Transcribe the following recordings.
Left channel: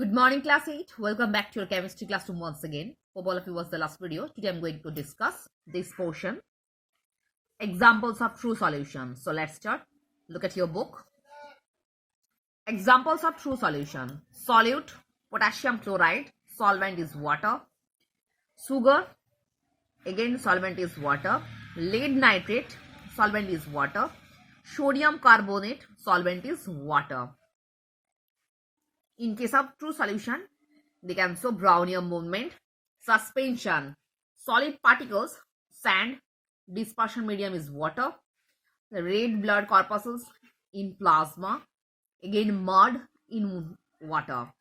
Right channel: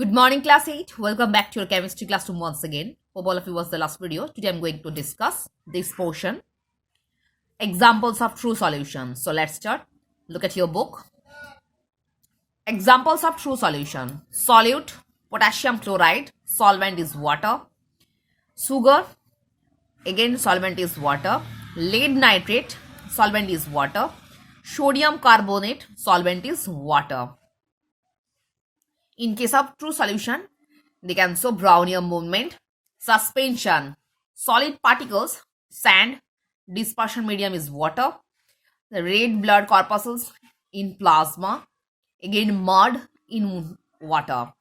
Good morning, class 8. Welcome back to your chemistry classroom once again. Hope all of you watched the last video. Today I'm going to discuss this portion, examples of true solutions. So let's start. Look at your book. Examples of true solution. Solute, potassium chloride, solvent is water. Sugar, again solvent is water. Lead nitrate, solvent is water. Sodium carbonate, solvent is water. In case of true solution, they can show Brownian movement, suspension, solid particles, sand, dispersion medium is water, the red blood corpuscles in plasma, again mud in water.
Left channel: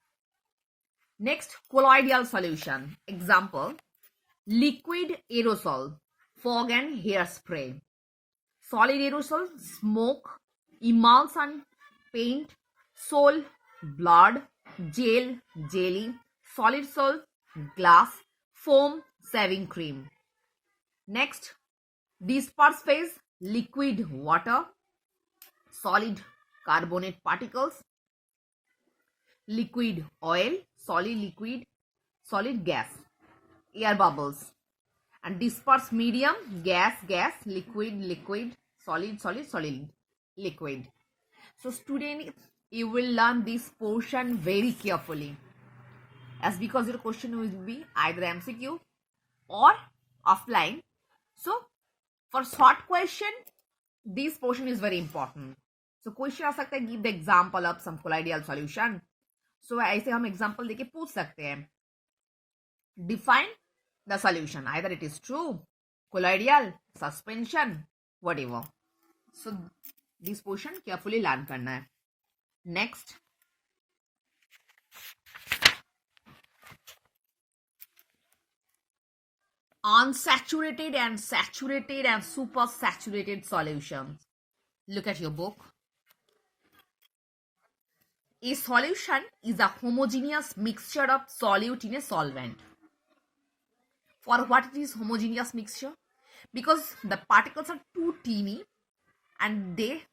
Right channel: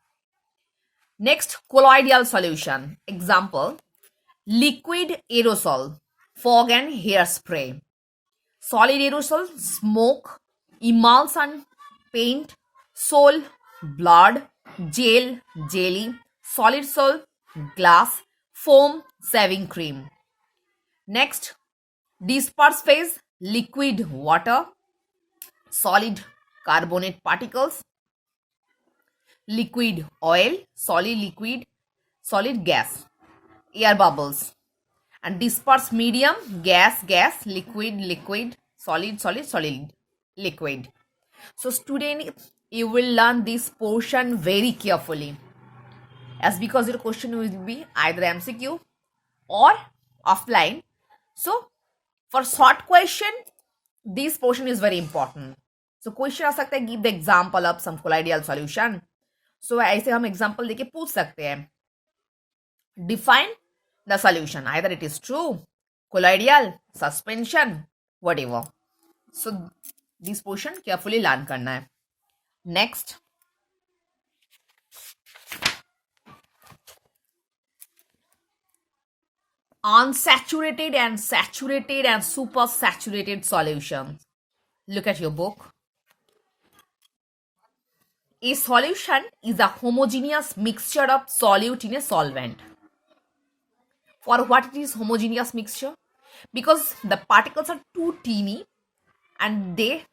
Next, colloidal solution. Example, liquid aerosol, fog and hairspray. Solid aerosol, smoke, emulsion, paint, sol, blood, gel, jelly, solid sol, glass, foam, shaving cream. Next, disperse phase, liquid water, solid carbonate particles, liquid oil, solid liquid, solid gas, air bubbles. And disperse medium, gas, gas, liquid, liquid, solid, solid, solid, liquid. So student, you will learn this portion very carefully, as because your question will be either MCQ or offline. So for short question, this portion is very important. So question आ सकता है, give the example of some colloidal solution. So ऐसे हम example देके पूछ सकते हैं. Define the solution. Either it is true, colloidal, suspension, whatever. So this portion carefully learn करना है. Next, unsaturated and saturated and supersaturated solutions. Look at your book. A solution is a homogeneous mixture of solute in a solvent. For what it is homogeneous mixture? Because the particles are too teeny and they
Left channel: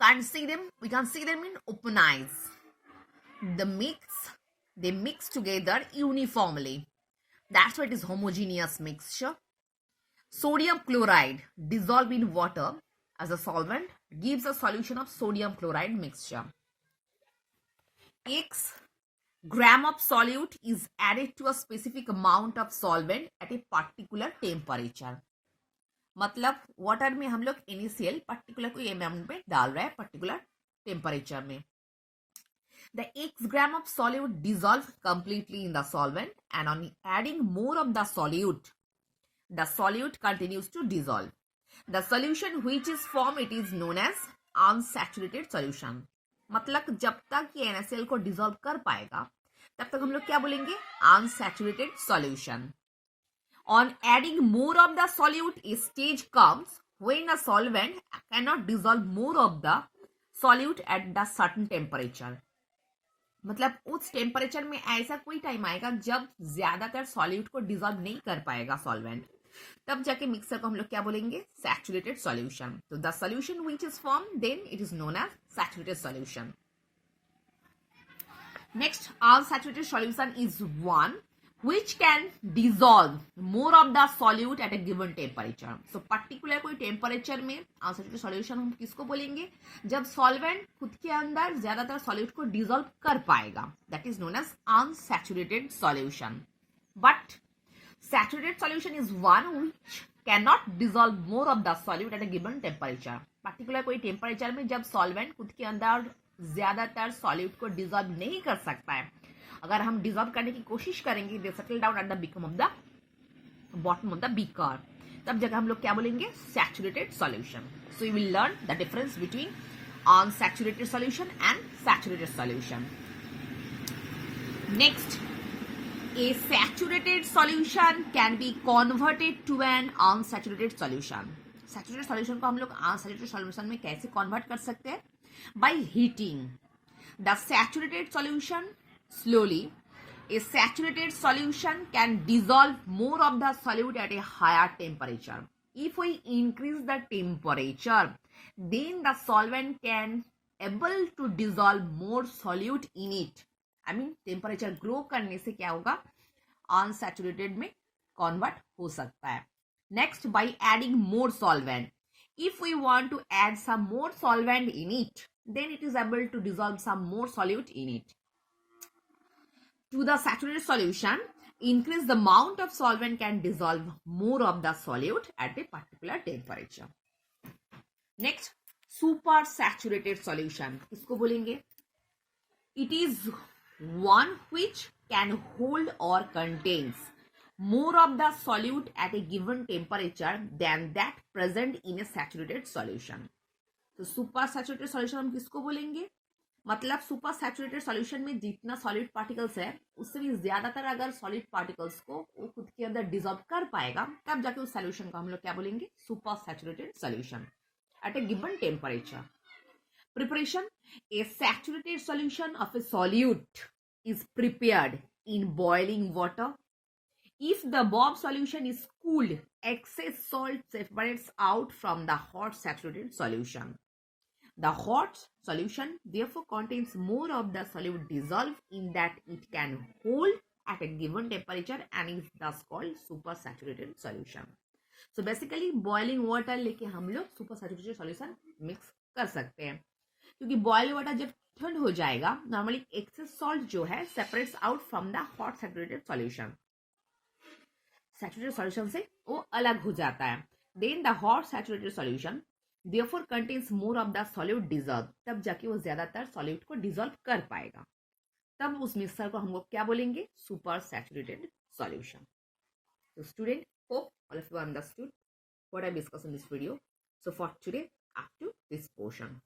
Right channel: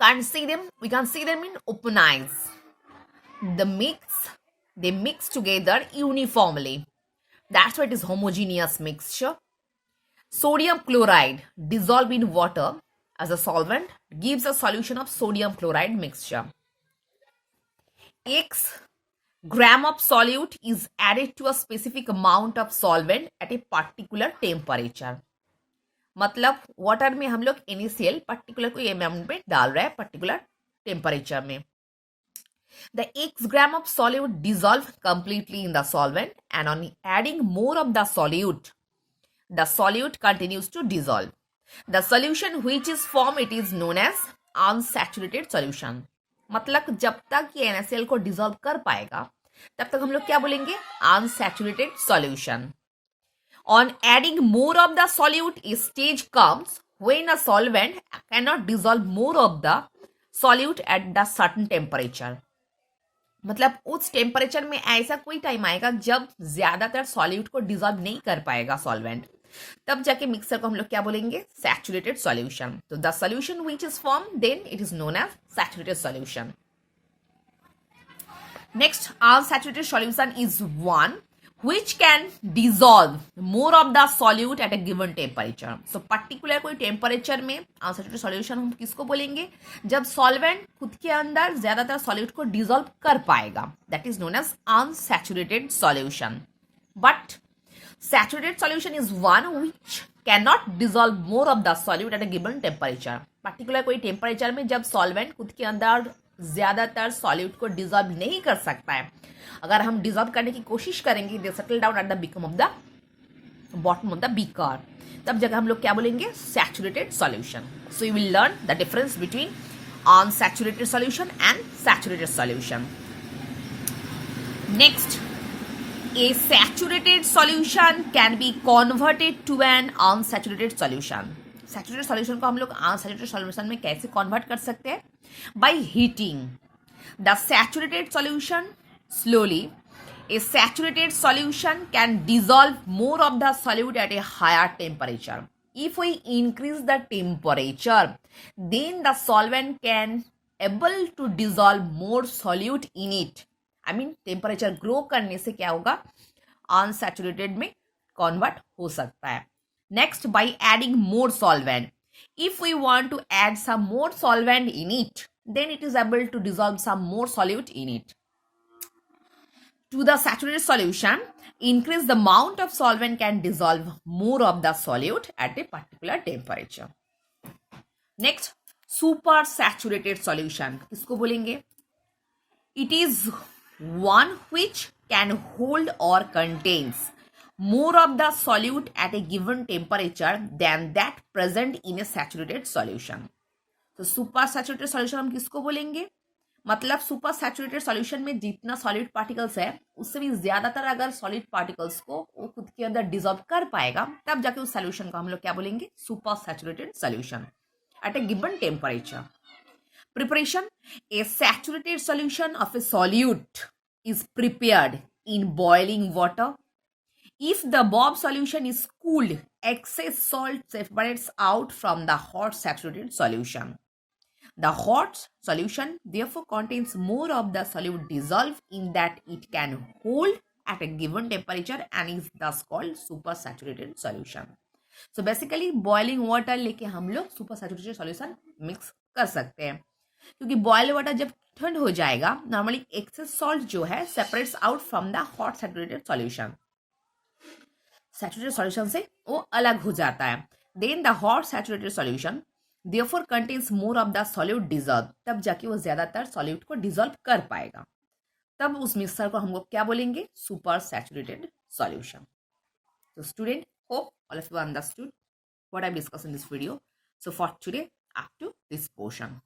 can't see them. We can see them in open eyes. They mix together uniformly. That's why it is homogeneous mixture. Sodium chloride dissolved in water as a solvent gives a solution of sodium chloride mixture. X gram of solute is added to a specific amount of solvent at a particular temperature. मतलब water में हम लोग initial particular कोई amount में डाल रहे हैं particular temperature में. The x gram of solute dissolve completely in the solvent, and on adding more of the solute continues to dissolve. The solution which is formed, it is known as unsaturated solution. मतलब जब तक ये NaCl को dissolve कर पाएगा तब तक हम लोग क्या बोलेंगे, unsaturated solution. On adding more of the solute, a stage comes when a solvent cannot dissolve more of the solute at the certain temperature. मतलब उस टेम्परेचर में ऐसा कोई टाइम आएगा जब ज्यादातर सॉल्यूट को डिसॉल्व नहीं कर पाएगा सॉल्वेंट, तब जाके मिक्सर को हम लोग क्या बोलेंगे, सैचुरेटेड सॉल्यूशन. तो the solution which is form then it is known as saturated solution. Next, unsaturated solution is one which can dissolve more of the solute at a given temperature. So particular कोई temperature में unsaturated solution हम किसको बोलेंगे, जब solvent खुद के अंदर ज्यादातर सॉल्यूट को डिसॉल्व कर पाएगा. That is known as unsaturated solution. But saturated solution is one which cannot dissolve more of the solute at a given temperature. particular कोई टेम्परेचर में जब सॉल्वेंट खुद के अंदर ज्यादातर सॉल्यूट को डिसॉल्व नहीं कर सकता है, अगर हम डिसॉल्व करने की कोशिश करेंगे, they settle down at the become of the bottom of the beaker, तब जगह हम लोग क्या बोलेंगे, saturated solution. So you will learn the difference between unsaturated solution and saturated solution. Next, a saturated solution can be converted to an unsaturated solution. Saturated solution को हम लोग unsaturated solution में कैसे कन्वर्ट कर सकते हैं, by heating the saturated solution slowly. A saturated solution can dissolve more of the solute at a higher temperature. If we increase the temperature, then the solvent can able to dissolve more solute in it I mean temperature grow करने से क्या होगा, unsaturated में convert हो सकता है. Next, by adding more solvent. If we want to add some more solvent in it, then it is able to dissolve some more solute in it. To the saturated solution, increase the amount of solvent can dissolve more of the solute at a particular temperature. Next, super saturated solution. किसको बोलेंगे? It is one which can hold or contains more of the solute at a given temperature than that present in a saturated solution. तो super saturated solution हम किसको बोलेंगे? मतलब super saturated solution में जितना solid particles है उससे भी ज्यादातर अगर सॉलिड पार्टिकल्स को वो खुद के अंदर डिजॉल्व कर पाएगा, तब जाके उस सॉल्यूशन को हम लोग क्या बोलेंगे? Super saturated solution at A given temperature. Preparation. A saturated solution of a solute is prepared in boiling water. If the above solution is cooled, excess salt separates out from the hot saturated solution. The hot solution therefore contains more of the solute dissolved in that it can hold at a given temperature and is thus called supersaturated solution. So basically boiling water लेके हम लोग supersaturated solution mix कर सकते हैं, क्योंकि boil water जब ठंड हो जाएगा नॉर्मली एक्सेस सॉल्ट जो है separates out from the hot saturated solution. Saturated solution से वो अलग हो जाता है. Then the hot saturated solution therefore contains more of the solute dissolve. तब जाके वो ज्यादातर सॉल्यूट को डिजॉल्व कर पाएगा. तब उस मिक्सचर को हम लोग क्या बोलेंगे? Super saturated solution. So student, hope all of you understood what I discussed in this video. So for today, up to this portion.